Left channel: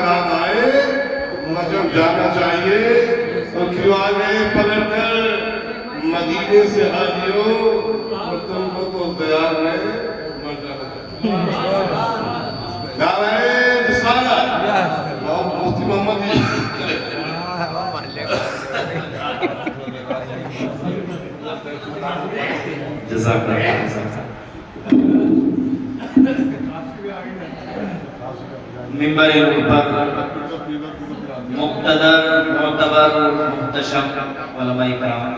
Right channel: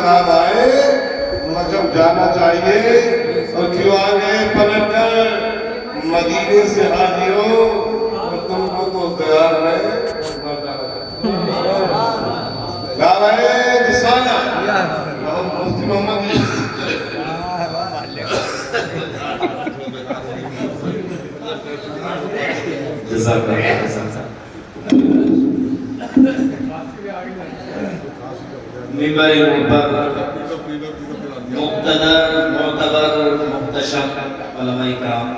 آداب آئے مطلب جانا چاہیے تو کیوں آگے پلٹ کر مدینے سے حاجیوں اور تم کو تو تیار ہے جا رہے رسالہ مفتی محمد جزاک اللہ ممبر پر مقتدر معتبر محتشم علماء کرام،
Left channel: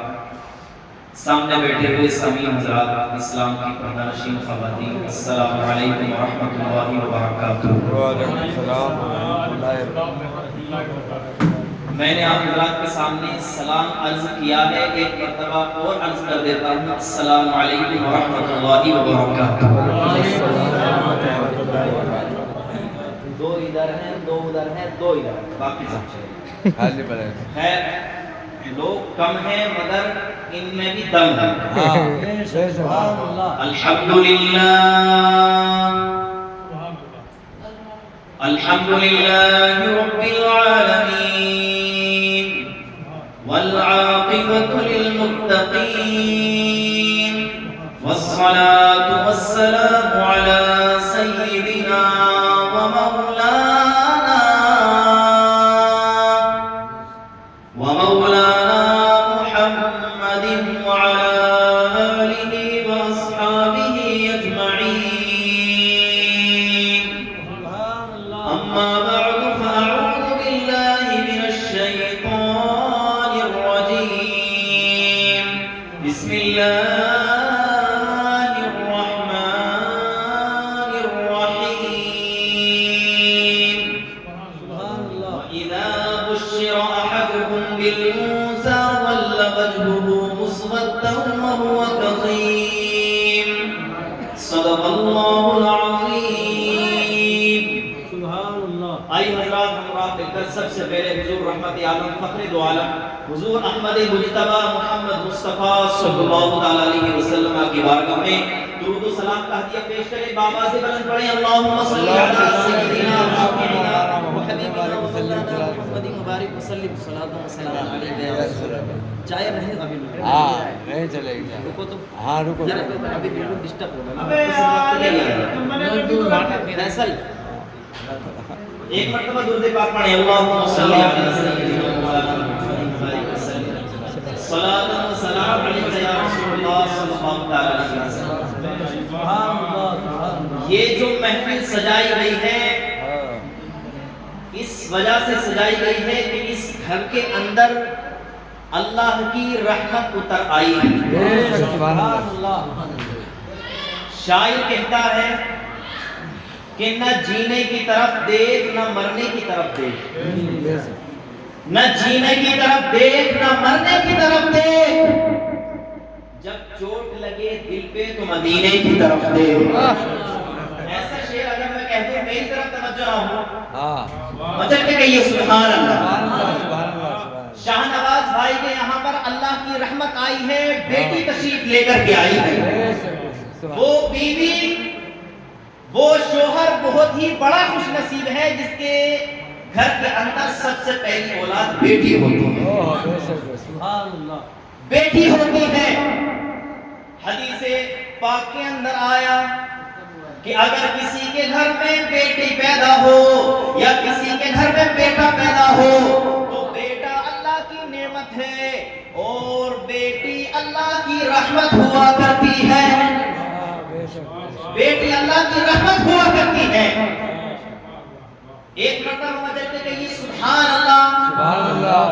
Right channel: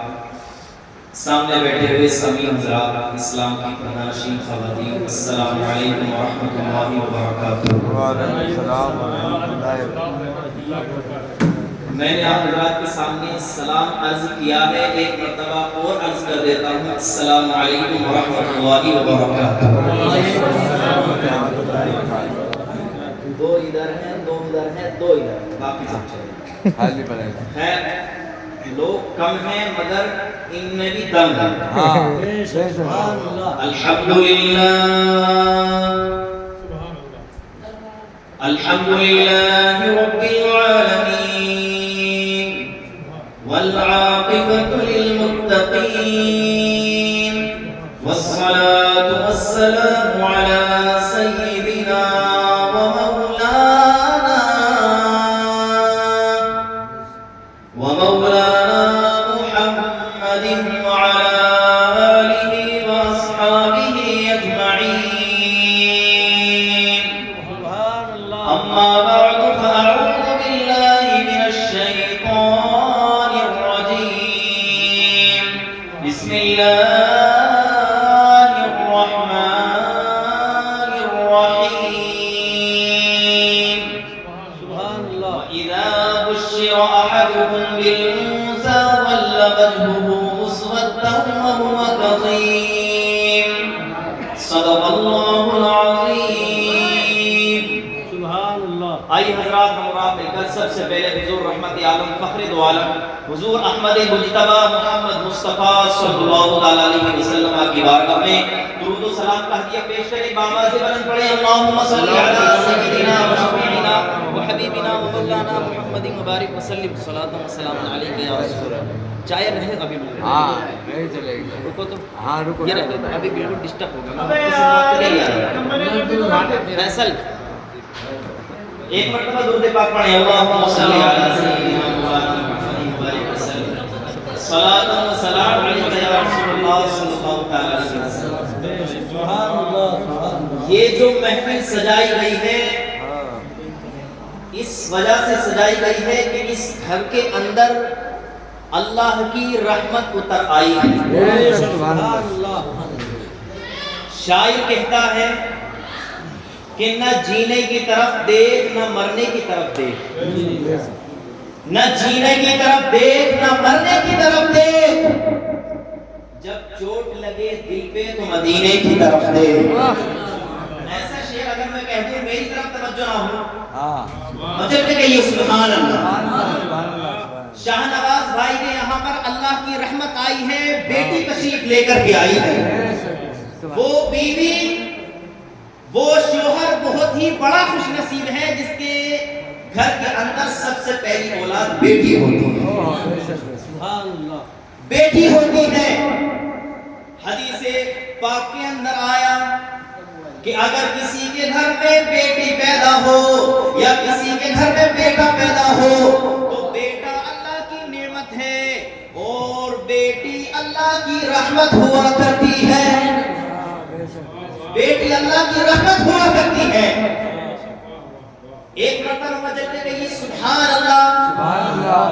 سامنے بیٹھے ہوئے سامعین حضرات، اسلام کی پردہ نشین خواتین، السلام علیکم ورحمۃ اللہ وبرکاتہ۔ وعلیکم السلام ورحمۃ اللہ وبرکاتہ۔ میں نے آپ حضرات کے سامنے سلام عرض کیا ہے، ایک مرتبہ اور عرض کر دیتا ہوں، السلام علیکم ورحمۃ اللہ وبرکاتہ۔ دو ادھر ہیں، دو ادھر ہیں، دو ادھر ہیں، باقی سب خیر لوگ کم ہیں مگر ان میں بھی دم ہے۔ الحمدللہ الحمدللہ رب العالمین والعاقبۃ للمتقین والصلاة والسلام علی سیدنا ومولانا محمد وعلى آله وأصحابه أجمعين، أما بعد فأعوذ بالله من الشيطان الرجيم، بسم الله بالأنثى ظل وجهه مسودا وهو كظيم، صدق الله العظيم۔ سبحان اللہ۔ آئی حضرات ہمراہ مل کر سب سے پہلے حضور رحمت عالم فخر دو عالم حضور احمد مجتبی محمد مصطفیٰ صلی اللہ علیہ وسلم کی بارگاہ میں درود و سلام کا ہدیہ پیش کریں، بآواز بلند پڑھیں، اللہم صلی علی سیدنا وشفیعنا وحبیبنا ومولانا محمد مبارک وسلم صلاۃ و سلام علیہ یا رسول اللہ۔ چائے نہیں ابھی نہیں چلے گا، رکو تو رکو یہ ابھی بالکل ڈسٹرب ہوگا۔ فیصل ایک مرتبہ درود پاک پڑھیں، اللہم صلی علی سیدنا محمد مبارک وسلم صلاۃ و سلام علیہ یا رسول اللہ صلی اللہ علیہ وسلم۔ سبحان اللہ۔ یہ جو محفل سجائی گئی ہے اس وجہ سے سجائی گئی ہے کہ اس گھر کے اندر اللہ کی رحمت اتر آئی ہے۔ سبحان اللہ۔ شاعر کہتا ہے کہ نہ جینے کی طرف دیکھ نہ مرنے کی طرف دیکھ، نہ جینے کی طرف دیکھ نہ مرنے کی طرف دیکھ، جب چوٹ لگے دل پہ تو مدینے کی طرف دیکھ۔ ایسا شعر اگر میں کہہ دوں میری طرف توجہ نہ ہو مچل کے کہیے سبحان اللہ۔ شاہ نواز بھائی نے یہاں پر اللہ کی رحمت آئی ہے، بیٹی تشریف لے کر کے آئی ہے، وہ بیوی وہ شوہر بہت ہی بڑا خوش نصیب ہے جس کے گھر کے اندر سب سے پہلی اولاد بیٹی ہوتی ہے۔ سبحان اللہ۔ بیٹی ہوتی ہے۔ حدیث پاک کے اندر آیا کہ اگر کسی کے گھر میں بیٹی پیدا ہو یا کسی کے گھر میں بیٹا پیدا ہو تو بیٹا اللہ کی نعمت ہے اور بیٹی اللہ کی رحمت ہوا کرتی ہے، بیٹی اللہ کی رحمت ہوا کرتی ہے۔ ایک مرتبہ مجھے کہیے سبحان اللہ۔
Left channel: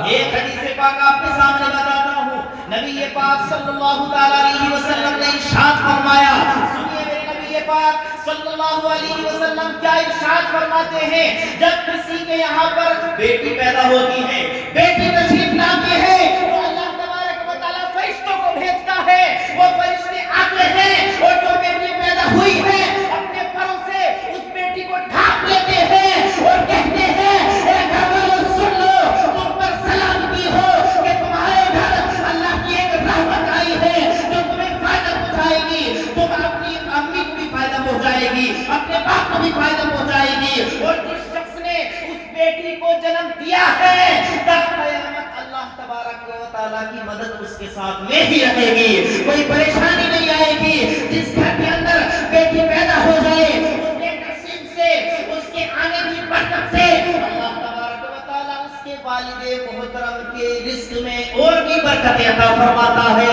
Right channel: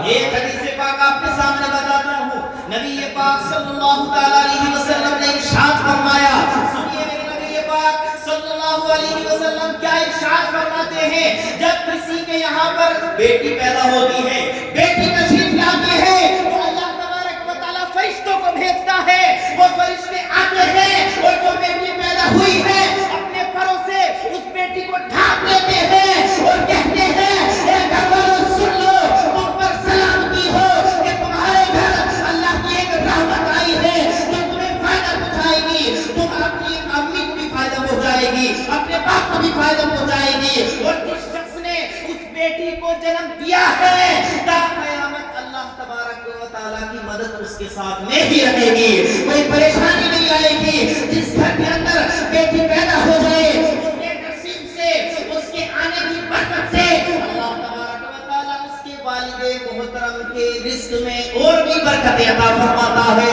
ایک حدیث پاک آپ کے سامنے بتاتا ہوں، نبی پاک صلی اللہ علیہ وسلم نے ارشاد فرمایا، سنیے میرے نبی پاک صلی اللہ علیہ وسلم کیا ارشاد فرماتے ہیں، جب کسی کے یہاں پر بیٹی پیدا ہوتی ہے، بیٹی تشریف لاتی ہے تو اللہ تبارک و تعالیٰ فرشتوں کو بھیجتا ہے، وہ فرشتے آتے ہیں اور جو بیٹی پیدا ہوئی ہے اپنے پروں سے اس بیٹی کو ڈھانپ لیتے ہیں اور کہتے ہیں اے گھر والوں سن لو، تم پر سلامتی ہو کہ تمہارے گھر اللہ کی ایک رحمت آئی ہے جو تمہیں فائدہ پہنچائے گی، تم اپنی امی کو بھی فائدہ پہنچائے گی، اپنے باپ کو بھی فائدہ پہنچائے گی۔ اور جس شخص نے اس بیٹی کو جنم دیا ہے تا قیامت اللہ تبارک و تعالیٰ کی مدد اس کے ساتھ میں ہی رہے گی، کوئی پریشانی نہیں آئے گی۔ جس گھر کے اندر بیٹی پیدا ہو جائے اس کے نصیب سے، اس کے آنے کی برکت سے اللہ تبارک و تعالیٰ اس کے والد محترم کے رزق میں اور بھی برکتیں عطا فرماتا ہے،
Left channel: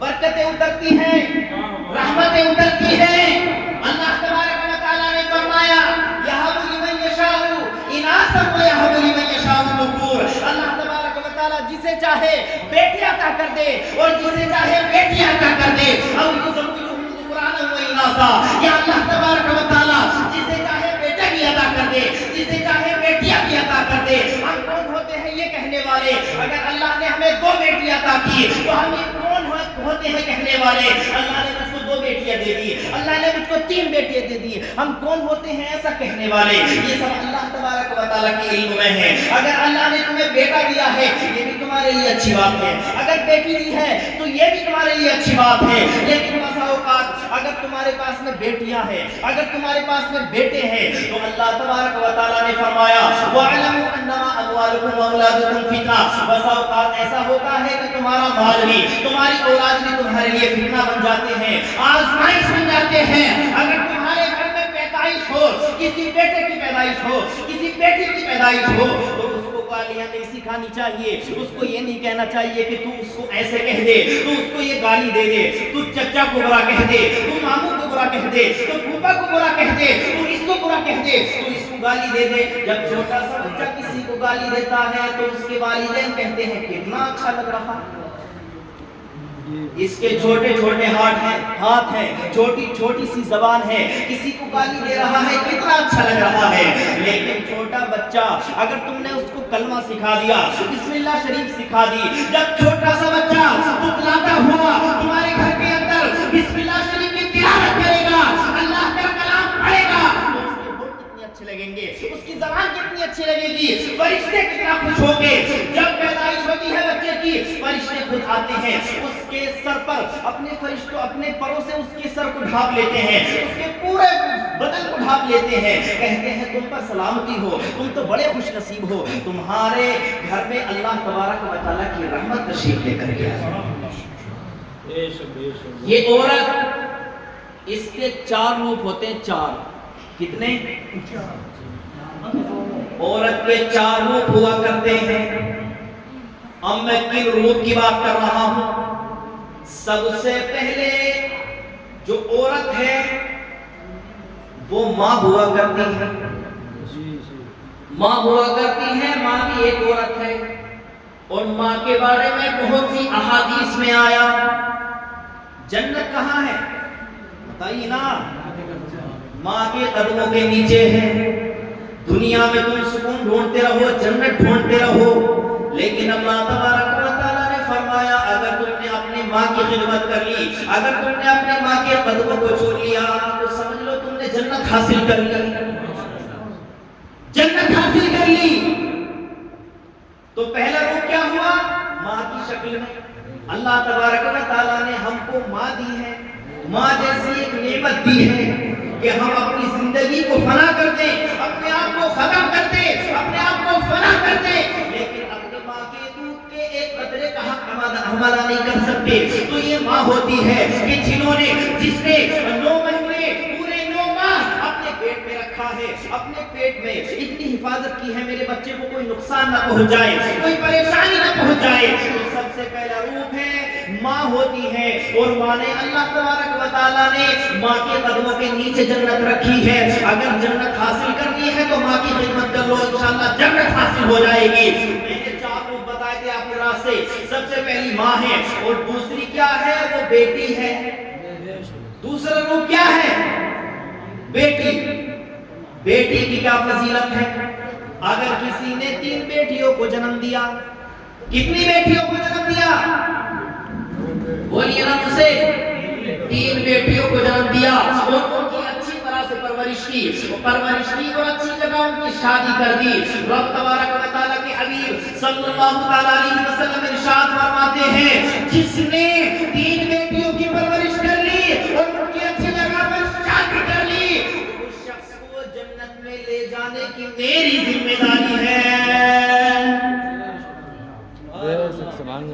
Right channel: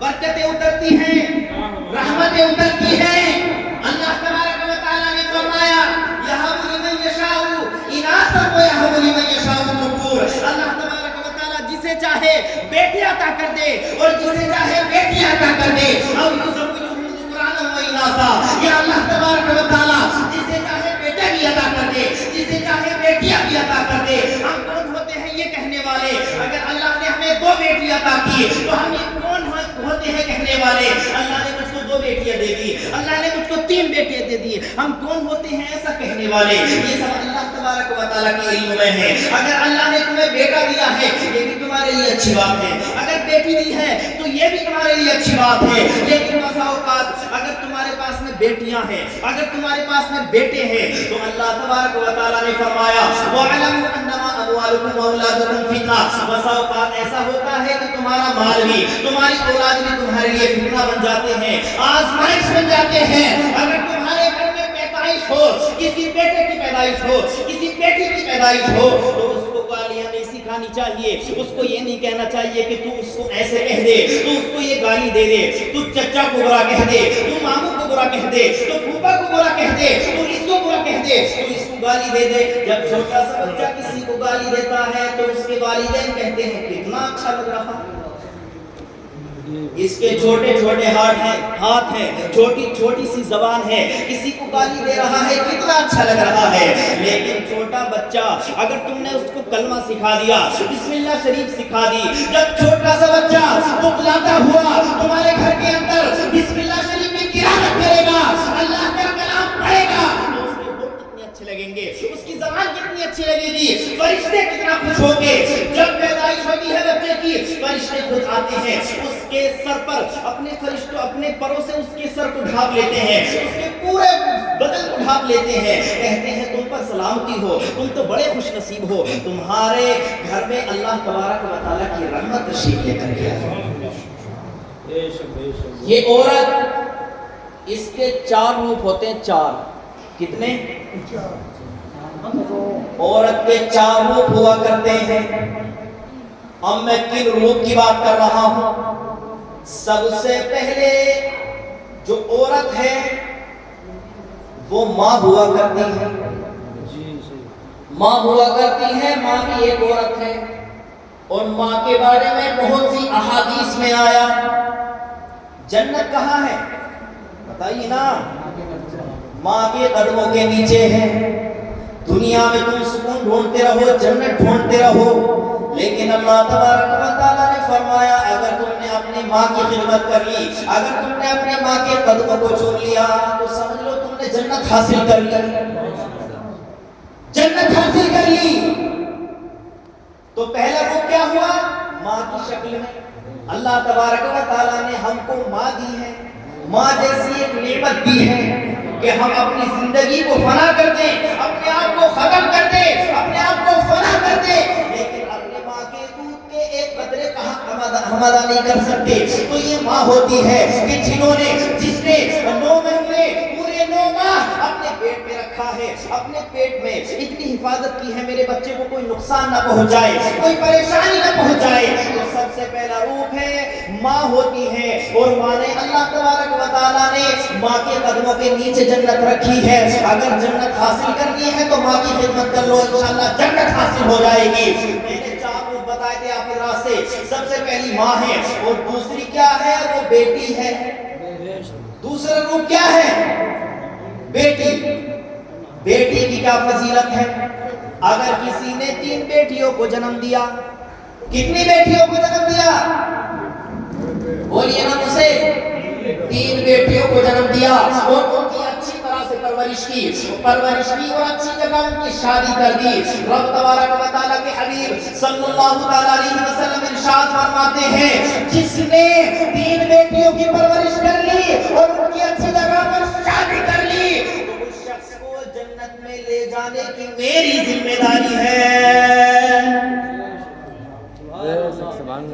برکتیں اترتی ہیں، رحمتیں اترتی ہیں۔ اللہ تبارک و تعالیٰ نے فرمایا یَهَبُ لِمَن یَشَاءُ اِنَاثًا وَیَهَبُ لِمَن یَشَاءُ الذُّکُورَ۔ اللہ تبارک و تعالیٰ جسے چاہے بیٹی عطا کر دے اور جسے چاہے بیٹی عطا کر دے۔ اَوْ يُزَوِّجُهُمْ ذُكْرَانًا وَإِنَاثًا، یا اللہ تبارک و تعالیٰ جسے چاہے بیٹا بھی عطا کر دے، جسے چاہے بیٹیاں بھی عطا کر دے۔ ہم کون ہوتے ہیں یہ کہنے والے؟ اگر اللہ نے ہمیں 2 بیٹی عطا کی تو ہم کون ہوتے ہیں کہنے والے اللہ نے مجھ کو 2 بیٹیاں دے دی، اللہ نے مجھ کو 3 بیٹیاں دے دی؟ ہم کون ہوتے ہیں ایسا کہنے والے؟ یہ سب اللہ تبارک و تعالیٰ کے علم میں ہے۔ اگر اللہ نے تمہیں بیٹا دیا ہے یہ بھی تمہارے لیے اچھی بات ہے، اگر بیٹی دی ہے تو یہ بھی تمہارے لیے اچھی بات ہے۔ لیکن بسا اوقات اگر تمہارے پاس میں بیٹیاں ہیں، اگر تمہارے پاس میں بیٹے ہیں تو اللہ تبارک و تعالیٰ نے فرمایا وَاعْلَمُوا أَنَّمَا أَمْوَالُكُمْ وَأَوْلَادُكُمْ فِتْنَةٌ۔ بسا اوقات ایسا ہوتا ہے کہ تمہارا مال بھی، تمہاری اولاد بھی تمہارے لیے فتنہ بن جاتے ہیں، آزمائش بن جاتے ہیں۔ اگر تمہارے گھر میں پیدائش ہو، کسی بیٹے کی پیدائش ہو، کسی بیٹی کی پیدائش ہو تو اس کو گالیاں نہیں سکھانی چاہیے، اس کو یہ نہیں کہنا چاہیے کہ تو اس کو ایسے کہہ دے، تو اس کو یہ گالی دے دے، تو چچا کو برا کہہ دے، تو ماموں کو برا کہہ دے، تو پھوپھا کو برا کہہ دے، تو اس کو برا کہہ دے، تو اس کو گالی دے دے۔ جب چھوٹا سا بچہ کسی کو گالی دیتا ہے تو اس کے والدین کہتے ہیں کتنا اچھا لگ رہا، اس کے چھوٹے چھوٹے ہاتھ ہیں، چھوٹی چھوٹی سی زبان ہے، کسی کو گالی دے رہا ہے کتنا اچھا لگ رہا ہے۔ لیکن چھوٹا بچہ اگر تم نے اس کو کلمہ سکھا دیا، بسم اللہ شریف سکھا دی، جب چھوٹا سا بچہ تکلاتا ہوا تمہارے گھر کے اندر بسم اللہ شریف کی تلاوت کرے گا، اللہ کا کلام پڑھے گا تو اس کے ہونٹ کتنے اچھے لگیں گے، اس کی زبان کتنی اچھی لگے گی، فرشتے کتنا خوش ہوں گے۔ جب پیدائش ہوتی ہے بچے کی فرشتے خود آتے ہیں، اس کے سر پر اپنے فرشتوں اپنے پروں سے اس کے سر کو ڈھانپ لیتے ہیں، اس کے پورے بدن کو ڈھانپ لیتے ہیں، کہتے ہیں تم پر سلامتی ہو، تم تو بڑے خوش نصیب ہو، تمہارے گھر میں اللہ تبارک و تعالیٰ کی رحمت تشریف لے کر کے آئی۔ یہ عورت، اس کے 4 روپ ہوتے ہیں، 4 کتنے؟ عورت کے 4 روپ ہوا کرتے ہیں۔ اب میں کن روپ کی بات کر رہا ہوں؟ سب سے پہلے جو عورت ہے وہ ماں ہوا کرتی ہے، ماں ہوا کرتی ہے، ماں بھی ایک عورت ہے، اور ماں کے بارے میں بہت سی احادیث میں آیا۔ جنت کہاں ہے بتائیے نا؟ ماں کے قدموں کے نیچے ہے۔ دنیا میں تم سکون ڈھونڈتے رہو، جنت ڈھونڈتے رہو، لیکن اللہ تبارک و تعالیٰ نے فرمایا اگر تم نے اپنی ماں کی خدمت کر لی، اگر تم نے اپنی ماں کے قدموں کو چھوڑ لیا تو سمجھ لو تم نے جنت حاصل کر لی، جنت حاصل کر لی۔ تو پہلا روپ کیا ہوا؟ ماں کی شکل میں۔ اللہ تبارک و تعالیٰ نے ہم کو ماں دی ہے، ماں جیسی ایک نعمت دی ہے کہ ہم اپنی زندگی کو فنا کر دیں، اپنے آپ کو ختم کر دیں، اپنے آپ کو فنا کر دیں، لیکن اپنے ماں کے دودھ کے ایک قطرے کا حق ہم ادا نہیں کر سکتے۔ تو یہ ماں ہوتی ہے کہ جس نے 9 مہینے پورے 9 ماہ اپنے پیٹ میں رکھا ہے، اپنے پیٹ میں اتنی حفاظت کی ہے میرے بچے کو کوئی نقصان نہ پہنچ جائے، کوئی پریشانی نہ پہنچ جائے۔ تو سب سے پہلا روپ ہے ماں ہوتی ہے، اور ماں نے اللہ تبارک و تعالیٰ نے ماں کے قدموں کے نیچے جنت رکھی ہے۔ اگر جنت حاصل کرنی ہے تو ماں کی خدمت کر لو، انشاءاللہ جنت حاصل ہو جائے گی۔ میں نے 4 روپ بتائے تھے آپ کے راستے، سب سے پہلی ماں ہے، اور دوسری کیا ہے؟ وہ بیٹی ہے۔ دوسرا روپ کیا ہے؟ بیٹی۔ بیٹی کی کیا فضیلت ہے؟ اگر کسی نے 3 بیٹیوں کو جنم دیا، کتنی بیٹیوں کو جنم دیا؟ بولیے نا مجھ سے، 3 بیٹیوں کو جنم دیا، اور ان کی اچھی طرح سے پرورش کی اور اچھی جگہ ان کی شادی کر دی۔ رب تبارک و تعالیٰ کے حبیب صلی اللہ تعالیٰ علیہ وسلم ارشاد فرماتے ہیں جس نے 3 بیٹیوں کی پرورش کر لی اور ان کی اچھی جگہ پر شادی کر لی تو اس شخص کو جنت میں لے جانے کی میری ذمہ داری ہے،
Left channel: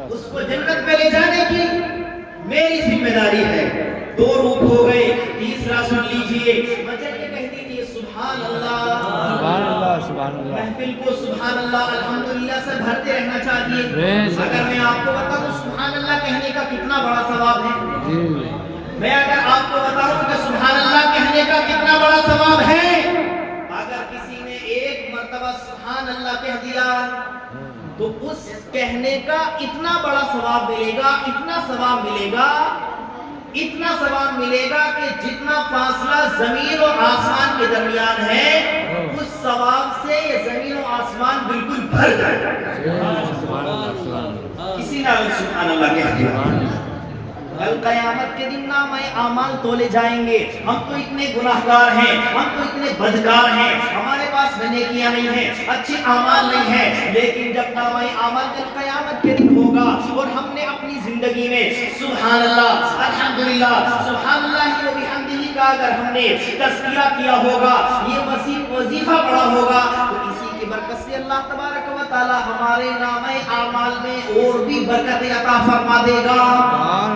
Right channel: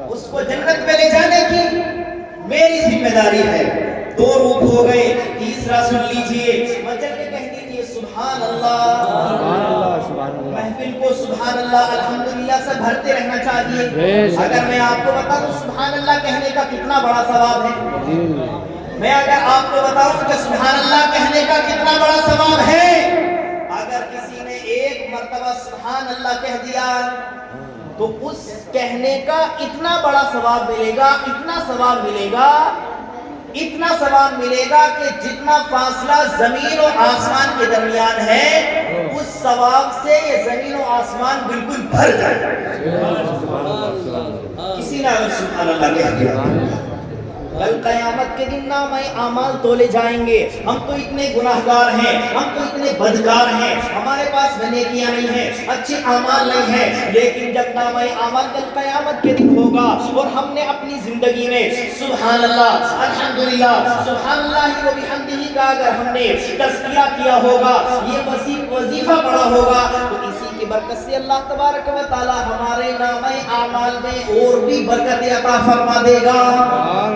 اس کو جنت میں لے جانے کی میری ذمہ داری ہے۔ دو روپ ہو گئے، تیسرا سن لیجئے، مجھے کہہ دیجئے سبحان اللہ، محفل کو سبحان اللہ الحمدللہ سے بھرتے رہنا چاہیے۔ اگر میں آپ کو بتاؤں سبحان اللہ کہنے کا کتنا بڑا ثواب ہے، میں اگر آپ کو بتاؤں کہ سبحان اللہ کہنے کا کتنا بڑا ثواب ہے، اگر کسی نے ایک مرتبہ سبحان اللہ کہہ دیا تو اس کہنے کا اتنا بڑا ثواب ملے گا، اتنا ثواب ملے گا، اتنا ثواب ملے گا کہ جتنا فاصلہ زمین اور آسمان کے درمیان ہے اس ثواب سے یہ زمین و آسمان بالکل بھر جائے گا۔ کسی نے سبحان اللہ کہہ دیا، کل قیامت کے دن نامہ اعمال تولے جائیں گے۔ ہم تو اتنے گناہگار ہیں، ہم تو اتنے بدکار ہیں، ہمارے پاس نیکیاں نہیں ہیں، اچھے اعمال نہیں ہیں، لیکن جب نامہ اعمال کل قیامت کے دن ہوگا اور ہم نے اپنی زندگی میں سبحان اللہ الحمدللہ سبحان اللہ و بحمدہ کا اگر ہم نے تذکرہ کیا ہوگا، یہ وظیفہ پڑھا ہوگا، تو اسی کی برکت سے اللہ تبارک و تعالی ہمارے نامہ اعمال میں اور بھی برکت عطا فرما دے گا۔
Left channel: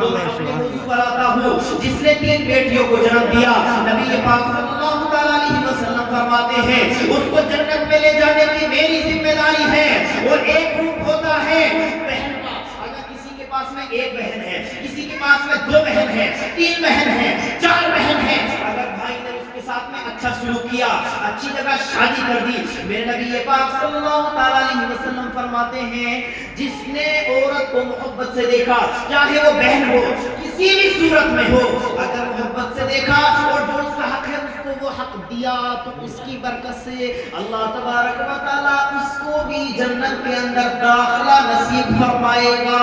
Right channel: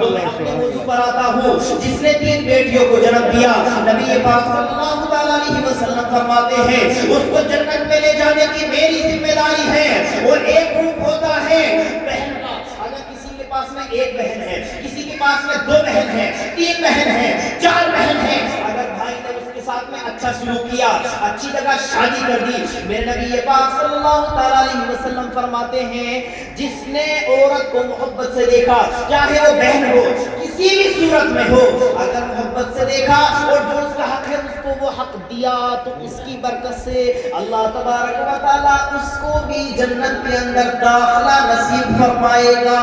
تو میں اپنے موضوع پر آتا ہوں، جس نے 3 بیٹیوں کو جنم دیا، نبی پاک صلی اللہ تعالیٰ علیہ وسلم فرماتے ہیں اس کو جنت میں لے جانے کی میری ذمہ داری ہے۔ اور ایک گروپ ہوتا ہے بہن کا، اگر کسی کے پاس میں 1 بہن ہے، کسی کے پاس میں 2 بہن ہے، 3 بہن ہے، 4 بہن ہے، اگر بھائی نے اس کے ساتھ میں اچھا سلوک کیا، اچھی جگہ شادی کر دی، میرے نبی پاک صلی اللہ تعالیٰ علیہ وسلم فرماتے ہیں جس نے عورت کو محبت سے دیکھا، چاہے وہ بہن ہو کسی بھی صورت میں ہو، اگر محبت سے دیکھا اور جو اس کا حق ہے اس کو وہ حق دیا، تو اس کی برکت سے اللہ تبارک و تعالیٰ اس کو بھی جنت کے اندر داخلہ نصیب فرمائے گا،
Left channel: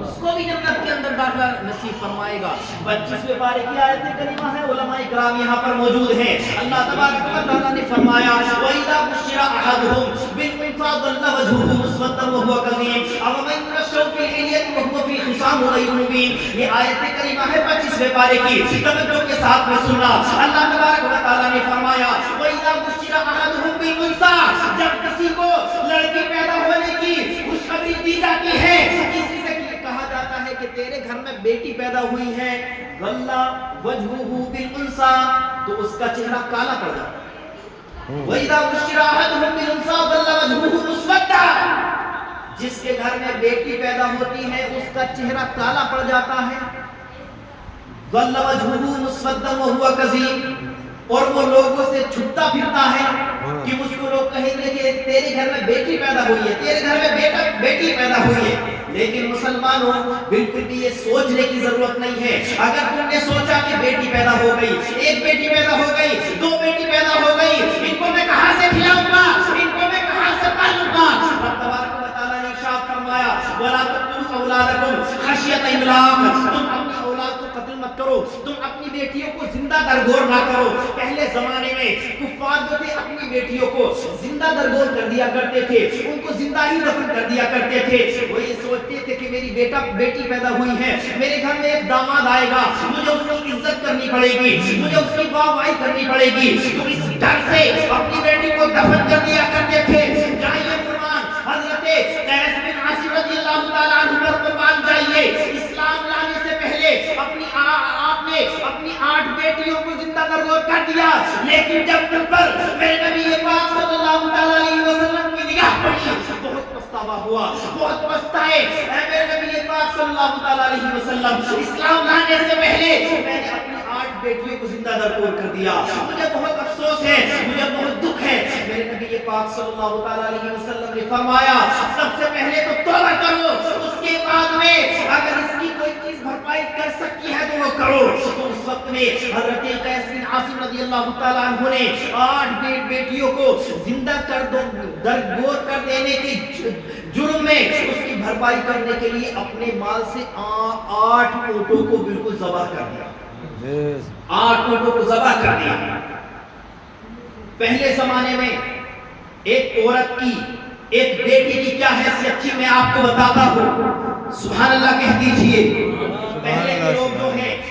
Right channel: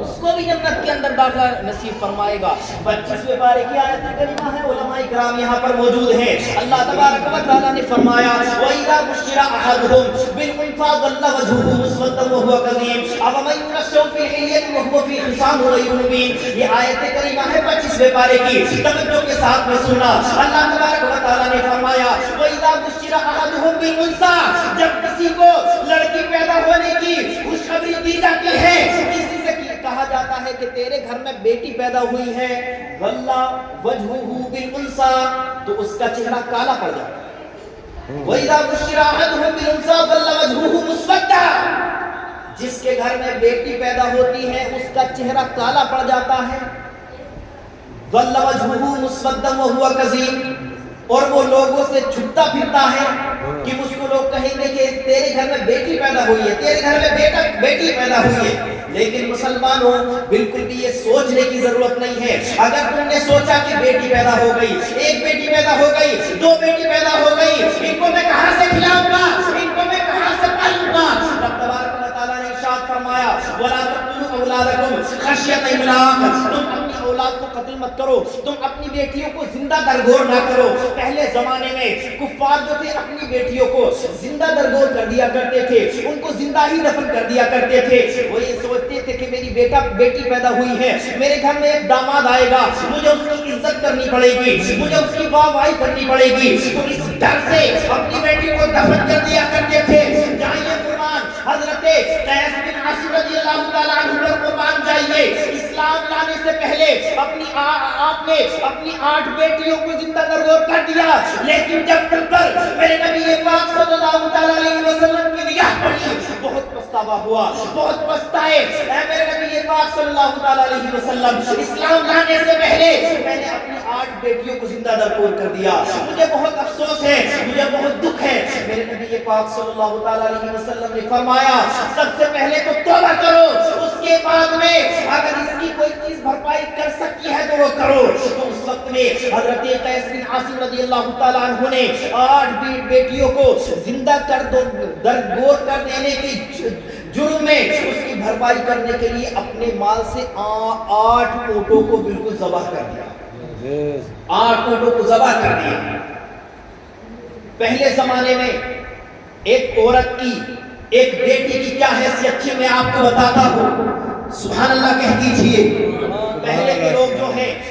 اس کو بھی جنت کے اندر داخلہ نصیب فرمائے گا۔ 25ویں پارے کی آیت کریمہ ہے، علماء کرام یہاں پر موجود ہیں۔ اللہ تبارک و تعالیٰ نے فرمایا وَإِذَا بُشِّرَ أَحَدُهُم بِالْأُنثىٰ ظَلَّ وَجْهُهُ مُسْوَدًّا وَهُوَ كَظِيمٌ أَفَمَن يُنَشَّأُ فِي الْحِلْيَةِ وَهُوَ فِي خِصَامٍ غَيْرِ مُبِينٍ۔ یہ آیت کریمہ ہے 25ویں پارے کی، توجہ کے ساتھ میں سننا۔ اللہ تبارک و تعالیٰ نے فرمایا وَإِذَا بُشِّرَ أَحَدُهُم بِالْأُنثىٰ، جب کسی کو لڑکی پیدا ہونے کی خوشخبری دی جاتی ہے، کسی سے کہا جاتا ہے کہ تیرے گھر میں بیٹی پیدا ہوئی ہے، ظل وجهه بالانثى، تو اس کا چہرہ کالا پڑ جاتا ہے۔ وَإِذَا بُشِّرَ أَحَدُهُم بِالْأُنثَىٰ ظَلَّ وَجْهُهُ مُسْوَدًّا، جس کے گھر میں بیٹی پیدا ہوتی ہے اس کا چہرہ کالا پڑ جاتا ہے۔ ظَلَّ وَجْهُهُ مُسْوَدًّا وَهُوَ كَظِيمٌ، اور وہ لوگوں سے چھپتا پھرتا ہے کہ مجھ کو لوگ کہیں گے کہ تیرے گھر میں بیٹی پیدا ہوئی ہے، تیرے گھر میں بیٹی پیدا ہوئی ہے، لیکن مسلمانوں بالکل بھی یہ سوچنے کی ضرورت نہیں ہے۔ اگر تم نے سوچا کہ بیٹی پیدا ہو گئی، 1 بیٹی پیدا ہو گئی، 2 بیٹی پیدا ہو گئی، ان کو میں کہاں سے کھلاؤں گا، ان کو میں کہاں سے پالوں گا، رب تبارک و تعالیٰ نے ارشاد فرمایا وَلَا تَقْتُلُوا أَوْلَادَكُمْ خَشْيَةَ إِمْلَاقٍ، تم اپنی اولاد کو قتل مت کرو، تم اپنی بیٹیوں کو زندہ درگور نہ کرو۔ پہلے زمانے میں کفار جو تھے اپنی بیٹیوں کو زندہ درگور کر دیا کرتے تھے، ان کو زندہ ہی دفن کر دیا کرتے تھے۔ وہ یہ سوچتے تھے کہ میری بیٹی پیدا ہوئی ہے، میرے گھر میں ایک داماد آئے گا، مجھے اس کی عزت کرنی پڑے گی، مجھے اس کی واہ واہی کرنی پڑے گی، تو اس ڈر سے اپنی بیٹی کو دفن کر دیا کرتے تھے۔ جائیے قربان حضرت قیس بن عاصم رضی اللہ تعالیٰ عنہ پر قربان جائیے، اسلام لانے سے پہلے آپ نے اپنی 8 بیٹیوں کو زندہ درگور کر دیا، لیکن جب تم پر میرے نبی پاک صلی اللہ تعالیٰ علیہ وسلم کی نگاہ پڑی، بہت پچھتاوا ہوا، بہت پچھتائے۔ اے میرے نبی پاک صلی اللہ تعالیٰ علیہ وسلم، اسلام لانے سے پہلے میں نے اپنی 8 بیٹیوں کو زندہ درگور کر دیا، مجھے بہت افسوس ہے، مجھے بہت دکھ ہے۔ میرے نبی پاک صلی اللہ تعالیٰ علیہ وسلم نے فرمایا سب سے پہلے تو توبہ کرو، اس کے بعد میں اگر اس کی کوئی چیز بھرپائی کر سکتی ہے تو وہ کرو۔ تو اس وقت میں حضرت قیس بن عاصم رضی اللہ تعالیٰ عنہ نے 8 بیٹیوں کو زندہ درگور کر دینے کے جرم میں اس کی بھرپائی کرنے کے لیے اپنے مال سے 8 اونٹوں کو بالکل ذبح کر دیا، 8 اونٹوں کو ذبح کر دیا۔ پہلے زمانے میں ایک عورت کی، ایک بیٹی کی کیا حیثیت تھی میں آپ کو بتاتا ہوں، سبحان اللہ کہہ دیجئے۔ پہلے کے لوگ جو ہیں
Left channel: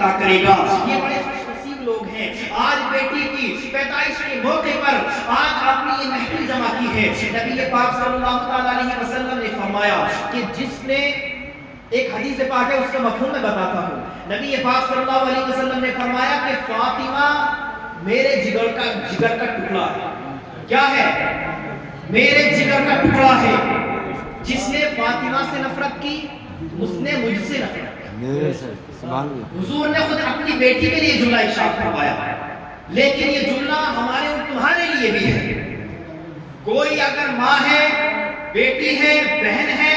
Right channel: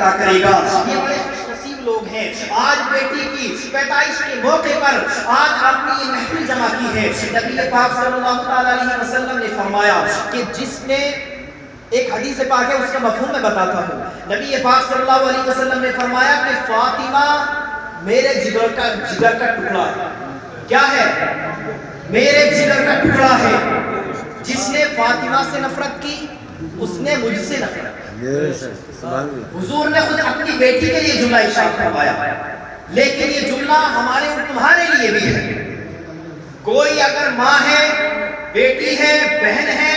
عطا کرے گا. یہ بڑے لوگ ہیں. آج بیٹی کی پیدائش کے موقع پر آج آپ نے یہ محفل جمع کی ہے. نبی پاک صلی اللہ تعالی علیہ وسلم نے فرمایا کہ جس نے ایک حدیث پاک ہے اس کا مفہوم میں بتاتا ہوں. نبی پاک صلی اللہ علیہ وسلم نے فرمایا کہ فاطمہ میرے جگر کا ٹکڑا ہے. کیا ہے؟ میرے جگر کا ٹکڑا ہے. جس نے فاطمہ سے نفرت کی اس نے مجھ سے نفرت کی. حضور نے خود اپنی بیٹی کے لیے جملہ ارشاد فرمایا. لیکن یہ جملہ ہمارے اور تمہارے لیے بھی ہے. کوئی اگر ماں ہے، بیٹی ہے، بہن ہے،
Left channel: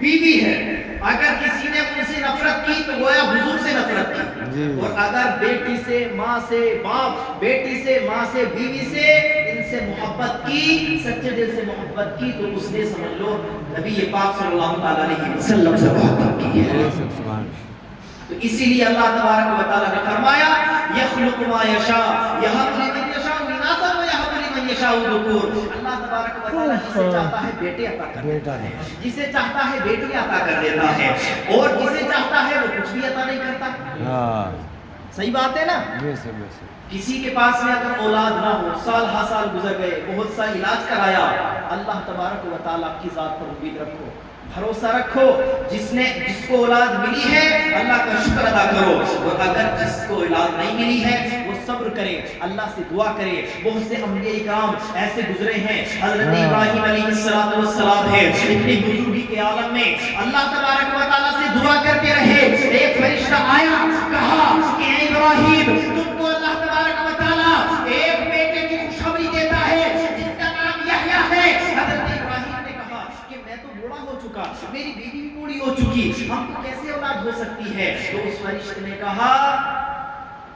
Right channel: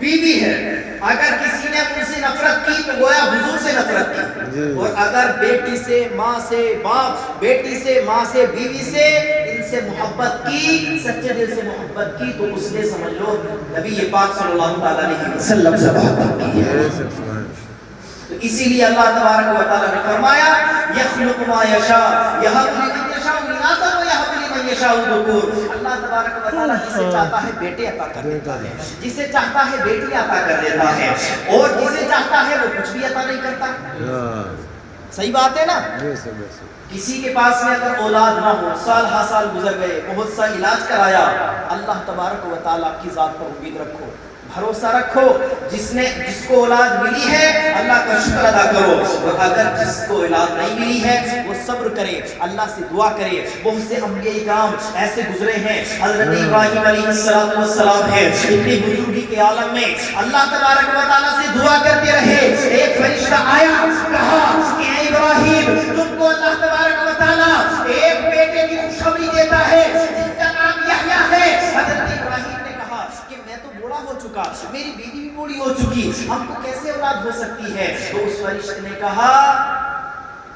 بیوی ہے، اگر کسی نے ان سے نفرت کی تو گویا حضور سے نفرت کی. اور اگر بیٹی سے، ماں سے، باپ، بیٹی سے، ماں سے، بیوی سے ان سے محبت کی، سچے دل سے محبت کی تو اس نے سمجھ لو نبی پاک صلی اللہ علیہ وسلم سے محبت کی ہے. تو اسی لیے اللہ تبارک و تعالی نے فرمایا یخلق ما یشاء یہب لمن یشاء اناثا و یہب لمن یشاء ذکور. اللہ تبارک و تعالی جسے چاہتا ہے بیٹے عطا کر دیتا ہے، جسے چاہتا ہے بیٹی عطا کر دیتا ہے، اور جسے چاہتا ہے وہ کچھ بھی عطا نہیں کرتا. صحیح بات ہے نا؟ کسی کے پاس میں اگر اولاد نہ ہو، سال ہا سال گزر گئے، بہت سا علاج کرایا، اللہ تبارک و تعالی کی ذات پر امید رکھو، بھروسہ رکھو. جس کو اولاد ملی ہے اللہ کا شکر ادا کرو. اور اگر جس کو اولاد نہیں ملی ہے وہ صبر کرے، اللہ سے دعا کرے. بہت سے انبیاء کرام ایسے گزرے ہیں. حضرت ابراہیم علیہ السلام ہے، اتنی بزرگی کے عالم میں اللہ تبارک و تعالیٰ سے دعا کرتے رہے. ایک فرشتہ آیا، کہا کہ اے ابراہیم تم کو اللہ تبارک و تعالیٰ ایک بیٹے کی خوشخبری دیتا ہے جس کا نام یحییٰ ہے. حضرت ابراہیم کہ میں تو بوڑھا ہو چکا، میری بیوی بھی بوڑھی ہو چکی، ہم کو کیسے اولاد ہو سکتی ہے؟ تو اس فرشتے نے کہا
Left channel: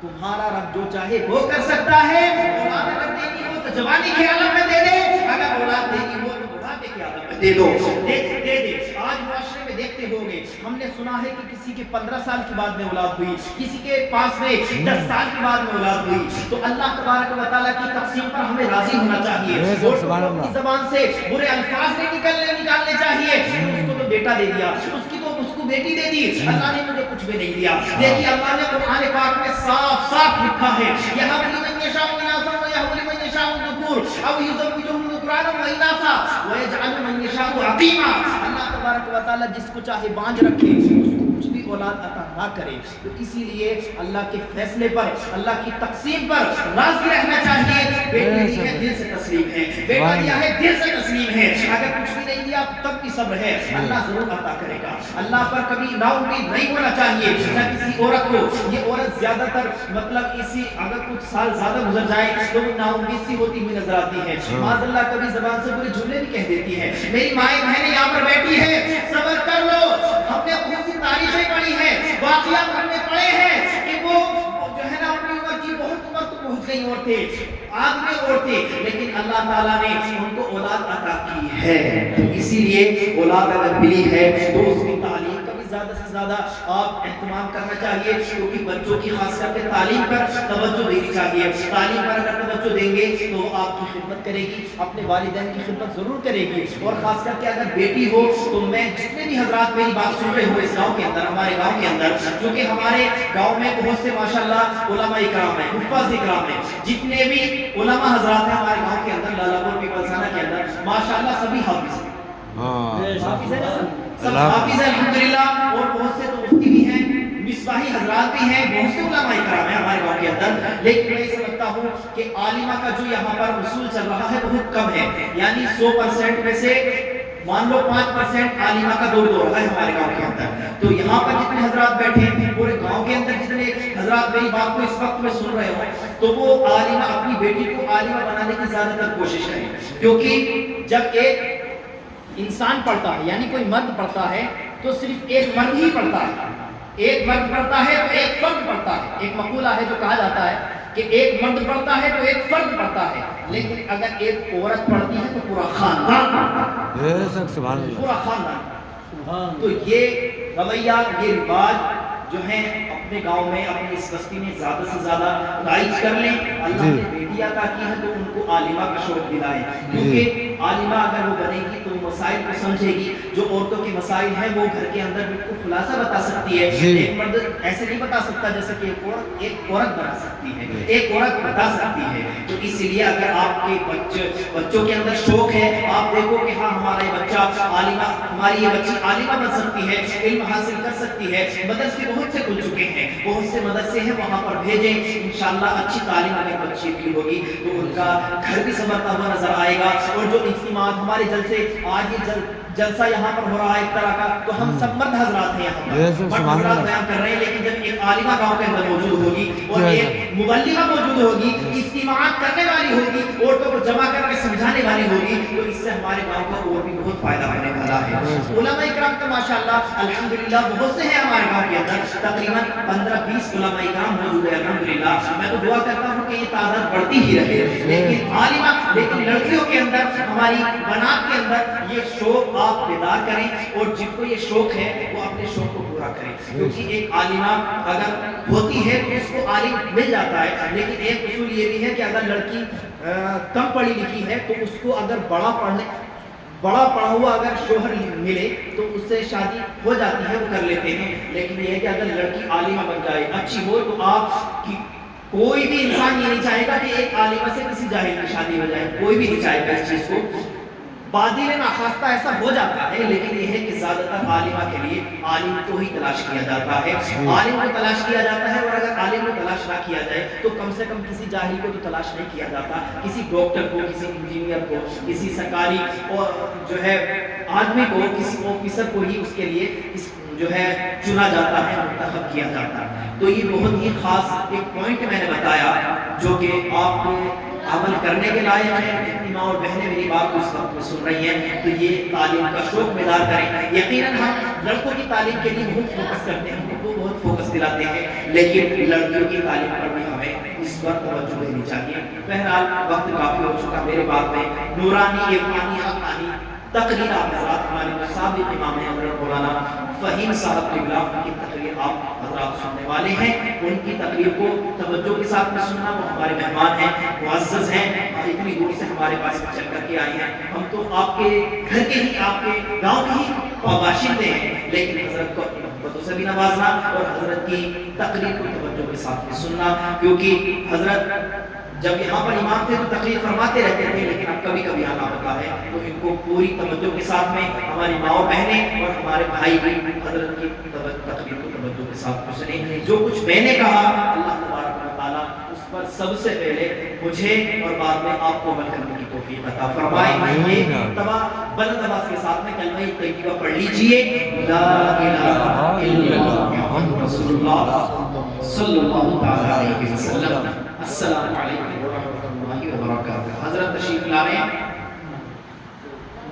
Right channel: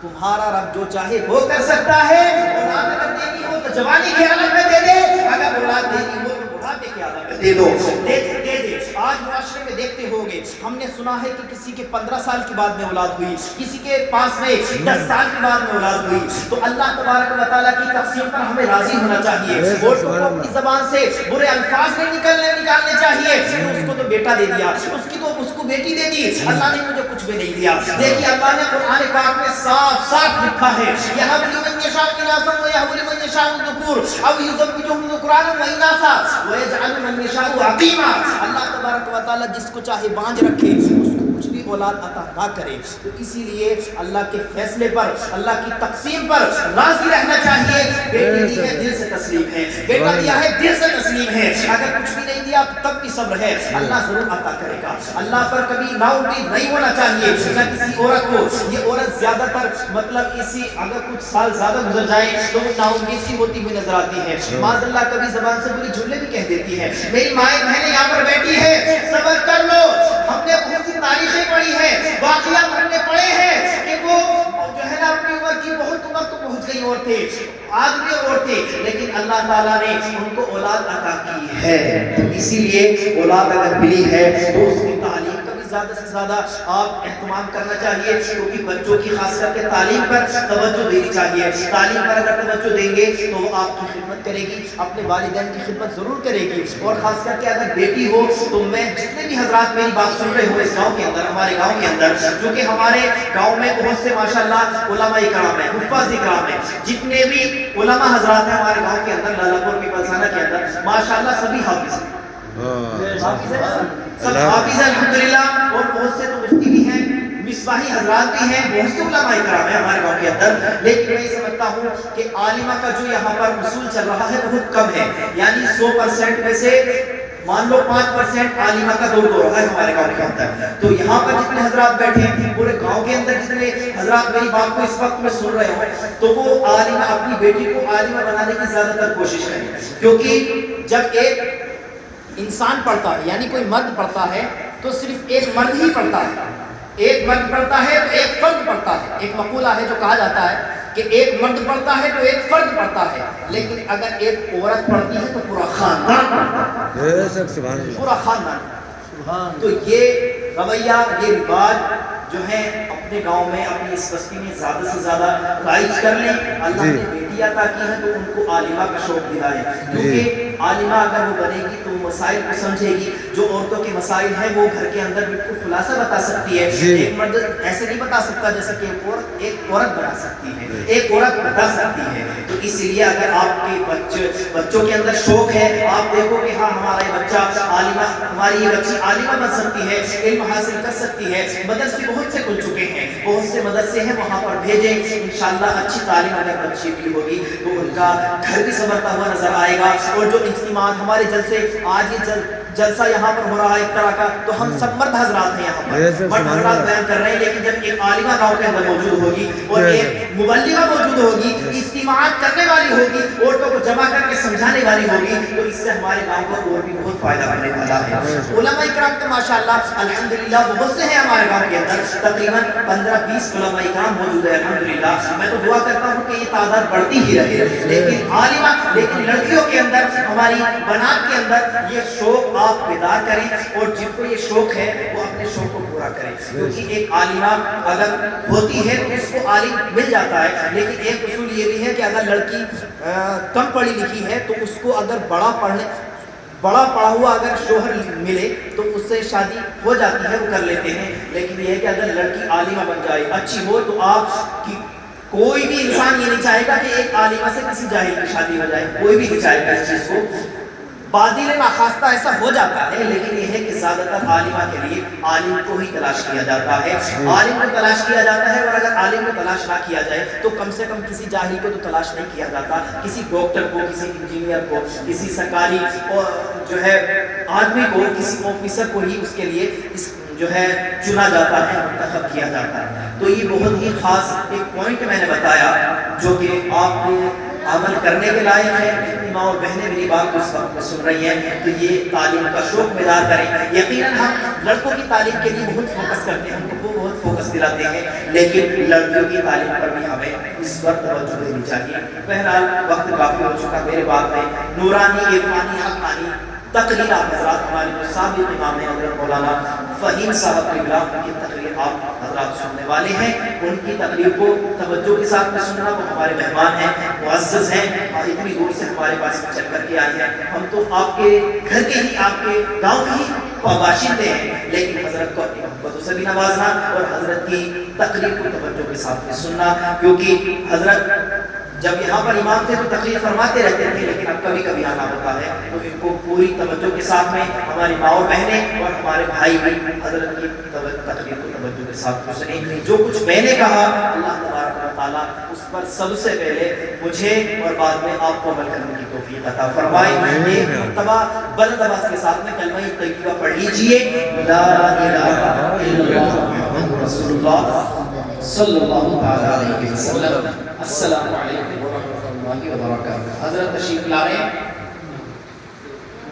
تمہارا رب جو چاہے وہ کر سکتا ہے. اولاد اگر دینی ہو تو جوانی کے عالم میں دے دے، اگر اولاد دینی ہو تو بڑھاپے کے عالم میں دے دو. دے دے. آج معاشرے میں دیکھتے ہوگے، ہم نے سنا ہے کہ کسی کے 15 سال کے بعد میں اولاد ہوئی، کسی کے پاس میں 10 سال کے بعد میں اولاد ہوئی. تو اللہ تبارک و تعالیٰ کی تقسیم پر ہمیں راضی ہونا چاہیے. اور اپنی زبان سے برے الفاظ نہیں نکالنے چاہیے. اس کو تو بیٹا دے دیا، اس کو بیٹی دے دی، اللہ نے مجھے کچھ بھی نہیں دیا. دیکھیے اللہ نے قرآن پاک میں صاف صاف لکھا ہے یہب لمن یشاء اناثا و یہب لمن یشاء ذکور او یزوجہم ذکرانا و اناثا ویجعل من یشاء عقیما. اللہ تبارک و تعالیٰ جس کو چاہے بانجھ رکھے، اس کو کچھ بھی اولاد عطا نہ کرے. تو اسی لیے اللہ کے فیصلے پر، اللہ کی تقسیم پر راضی رہنا چاہیے. بیٹی دی ہے دل سے تسلیم ہے، بیٹا دیا ہے دل سے تسلیم ہے. اگر کچھ بھی نہیں دیا تب بھی صبر ہے، اللہ ضرور عطا کرے گا. اللہ پر کبھی نا امید نہیں ہونا چاہیے. یا کسی عورت کو، یہ عورت زیادہ تر مطلب اسی اگر کچھ سال زیادہ گزر جائے تو وہ نا امید سی ہوتی ہوئی نظر آتی ہے. معاذ اللہ کبھی زبان سے بری جملے بھی کہہ دیتی ہے. میری مائیں بہنیں یہاں پر بیٹھی ہے، صبر کر لو. ہم نے بہت سی تاریخیں پڑھی ہیں، واقعات ہم نے پڑھے ہیں کہ وہ جو ہے نا اپنی عمر کی بہت عمر تو پہنچ گئی عورتیں، آدمی عورتیں، لیکن اللہ تعالیٰ نے ان کو اولاد عطا کی ہے. اسی لیے اولاد اگر ملی ہے تو اس کی تعلیم کا بھی زیادہ سے زیادہ آپ اہتمام کرنا چاہیے. کیونکہ بچوں کی خاص کر کے تعلیم پر توجہ دینی چاہیے. تعلیم پر اگر توجہ دیں گے تو وہ آپ کی خدمت کرے گی، اپنے والدین کی خدمت ضرور کرے گی. اور خاص کر کے اگر بیٹی ہو تو میں جتنے بھی حضرات میری بات سن رہے ہو اس گاؤں کے اندر، ہمارے گاؤں کے اندر، کیونکہ ہمارے گاؤں میں بہت سے ماشاءاللہ علماء اکرام ہیں، حفاظ اکرام ہیں. جتنے بھی علماء حضرات ہیں ہمارے گاؤں کے اندر، لالا پور کے پلسانہ کے اندر، ماشاءاللہ سبھی حافظ ہیں. سب حافظ ہیں الحمدللہ. اور بہت سے تو مفتی بھی ہیں، مصباحی حضرات بھی ہیں، بہت سے علماء کرام ہیں ہمارے گاؤں کے اندر. لیکن میں یہ سمجھتا ہوں کہ عالمہ کا جو یہاں پر اصول چل رہا ہے بہت کم ہے. یعنی 100% میں سے مان لو 5% عالمہ کا دور ہو رہا ہے ہمارے گاؤں کے اندر. تو یہاں پر جتنے حضرات بیٹھے ہیں پورے گاؤں کے اندر جتنے حضرات میری بات کو اس وقت میں سن رہے ہوں تو وہ عالمہ، اپنی بیٹی کو عالمہ بنانے کی زیادہ تر کوشش کریں. کیونکہ جب ایک انسان پڑھتا ہے، یعنی کوئی مرد پڑھتا ہے تو صرف ایک مرد ہی پڑھتا ہے. ایک مرد پڑھتا ہے تو ایک فرد پڑھتا ہے. ایک مقولہ ہے جو کہا جاتا ہے کہ ایک مرد پڑھتا ہے تو ایک فرد پڑھتا ہے. لیکن اگر ایک عورت پڑھتی ہے تو پورا خاندان پڑھتا ہے، پورا خاندان. تو یہ رویہ، یہ رواج جو ہے اپنے گاؤں میں، اپنی اس بستی میں زیادہ سے زیادہ رائج کر لیں. اللہ نے بیٹی بھی عطا کی ہے تو ان کو عالمہ کا شوق دلائیں، کیونکہ عالمہ اگر وہ بنے گی تو مسائل کو سمجھے گی، جو عورتوں کے مسائل ہیں وہ گھر کے اندر بالکل خلاصہ بتا سکتی ہے، ایک مرد ایسے نہیں بتا سکتا جیسا کہ ایک عورت بتا سکتی ہے، ایک عورت بتا سکتی ہے۔ تو اس لیے اگر آپ کے بچوں کے اندر شوق ہے، آپ دیکھو کہ ہاں ہمارا یہ بچہ عالمہ، ہماری یہ بچی عالمہ بن سکتی ہے، علم حاصل کر سکتی ہے، مدرسے بہت سے کھل چکے ہیں، بہت سے مدرسے ہیں، وہاں پر بھیجیں، انشاءاللہ اچھی تعلیم اگر بچی کی ہوگی تو ان کا گھر بھی سنورتا ہوا نظر آئے گا۔ اور جو اجتماعات ہمارے جلسے آج یہ جلسہ یہاں پر ہو رہا ہے ایک طرح کا، تو ہم سب مرد حضرات ہیں یہاں پر، مرد حضرات بیان کر رہے ہیں، لیکن جب ایک عالمہ گاؤں کے اندر موجود ہوگی اور ایک مبلغہ موجود ہوگی، اجتماعات کرنے والی ہوگی، عورتوں کو جمع کر کے سمجھانے والی ہوگی، تو اس سے ہمارے گاؤں کو اور بھی بہت فائدہ ہونے والا ہے۔ علماء اکرام تو ماشاءاللہ الحمدللہ بہت سے ہیں ہمارے گاؤں کے اندر، تقریباً 15-20 علماء اکرام موجود ہے الحمدللہ۔ میں تو دعا کرتا ہوں کہ یہ تعداد بڑھتی ہی رہے، لیکن لڑکیوں کے اندر، ہماری بنات کے اندر یہ شوق آپ بیدار کریں، اور جن کو یہ شوق ہے وہ اپنے شوق کو پورا کریں، کیونکہ ایک عالمہ اگر ہوتی ہے تو اس کو عالم مل جاتا ہے، لیکن ایک اصول یہ بھی ہے کہ اگر لڑکی کم پڑھی لکھی ہے تو اس کو اگر بڑا پڑھا ہوا اگر شوہر ملے تو اس سے شادی ہو جاتی ہے، وہ کر لیتے ہیں، لیکن یہ ہے کہ اگر لڑکی عالمہ بن جائے، اچھی ہو، تو آپ کی کوئی بھی انسان یہ نہیں چاہے گا کہ ایک عالمہ سے کسی جاہل کی شادی ہو جائے، کوئی بھی نہیں چاہے گا اس چیز کو۔ بادل ناخواستہ ایسا ہو جاتا ہے، لیکن یہ ہے کہ زیادہ تر عالمہ کے لیے عالم کو ہی تلاش کیا جاتا ہے، عالم کو تلاش کیا جاتا ہے، اور اگر عالم کو تلاش نہ کیا جائے تو کم سے کم کسی جاہل کو تو تلاش نہیں کیا جاتا، کسی ڈاکٹر کو، کسی انجینئر کو، کسی سرکاری اور جو ہے آدمی کو، کسی آفیسر کو ہی اس کے لیے جو ہے چنا جاتا ہے، منتخب کیا جاتا ہے۔ تو یہ بہت ہی خاص ایک پوائنٹ میں نے بتایا جو کہ آپ کو عمل کرنے کے لائق ہے۔ ماں اور بہنیں میری بات کو اس وقت میں سن رہی ہیں کہ یہ تعلیم کا شوق بیدار کریں۔ یقیناً ہم لڑکوں کی تعلیم کے لیے بہت فوکس کرتے ہیں، ہم کو بہت فوکس دلاتے ہیں، لیکن لڑکیوں کی تعلیم پر بھی ہمیں اس پر توجہ دینی چاہیے۔ بہرحال وقت کافی ہو چکا، میرے بات میں نورانی عرفانی حقانی تقریر آپ حضرات ہمارے سابق امام ہیں حضرت مولانا فہیم صاحب قبلہ کی تقریر آپ حضرات سننے والے ہیں۔ ان کی تقریر کو توجہ کے ساتھ میں سننا، وہ ہمارے مہمان ہیں، معزز ہیں، اور اتنی دور سے ہمارے پاس چل کر کے آئے ہیں۔ ہم تو آپ کے گھر کے ہی، آپ کے گاؤں کے ہی باشندے ہیں، لیکن حضرت کو اپنی محبتوں سے بھی نوازنا اور حضرت کی تقریر کو توجہ کے ساتھ میں سننا، کیونکہ حضرت جب یہاں پر امام تھے تو تقریر فرماتے رہتے تھے، لیکن اب کبھی کبھی آنا ہوتا ہے، تو ان کو پوری توجہ کے ساتھ میں ہماری ماں و بہنیں اور ہمارے بھائی بھی حضرت کی تقریر کو توجہ کے ساتھ سنیں۔ جو کچھ میں نے کہا اللہ تبارک و تعالیٰ اس پر سب سے پہلے مجھے اور بعد میں آپ کو عمل کرنے کی توفیق عطا فرمائے۔ ایک مرتبہ بلند آواز کے ساتھ میں کلمہ طیبہ پڑھ لیجئے، لا الہ الا اللہ محمد رسول اللہ صلی اللہ تعالی علیہ وسلم۔ السلام علیکم ورحمۃ اللہ وبرکاتہ۔ حضرت تشریف لا رہے ہیں۔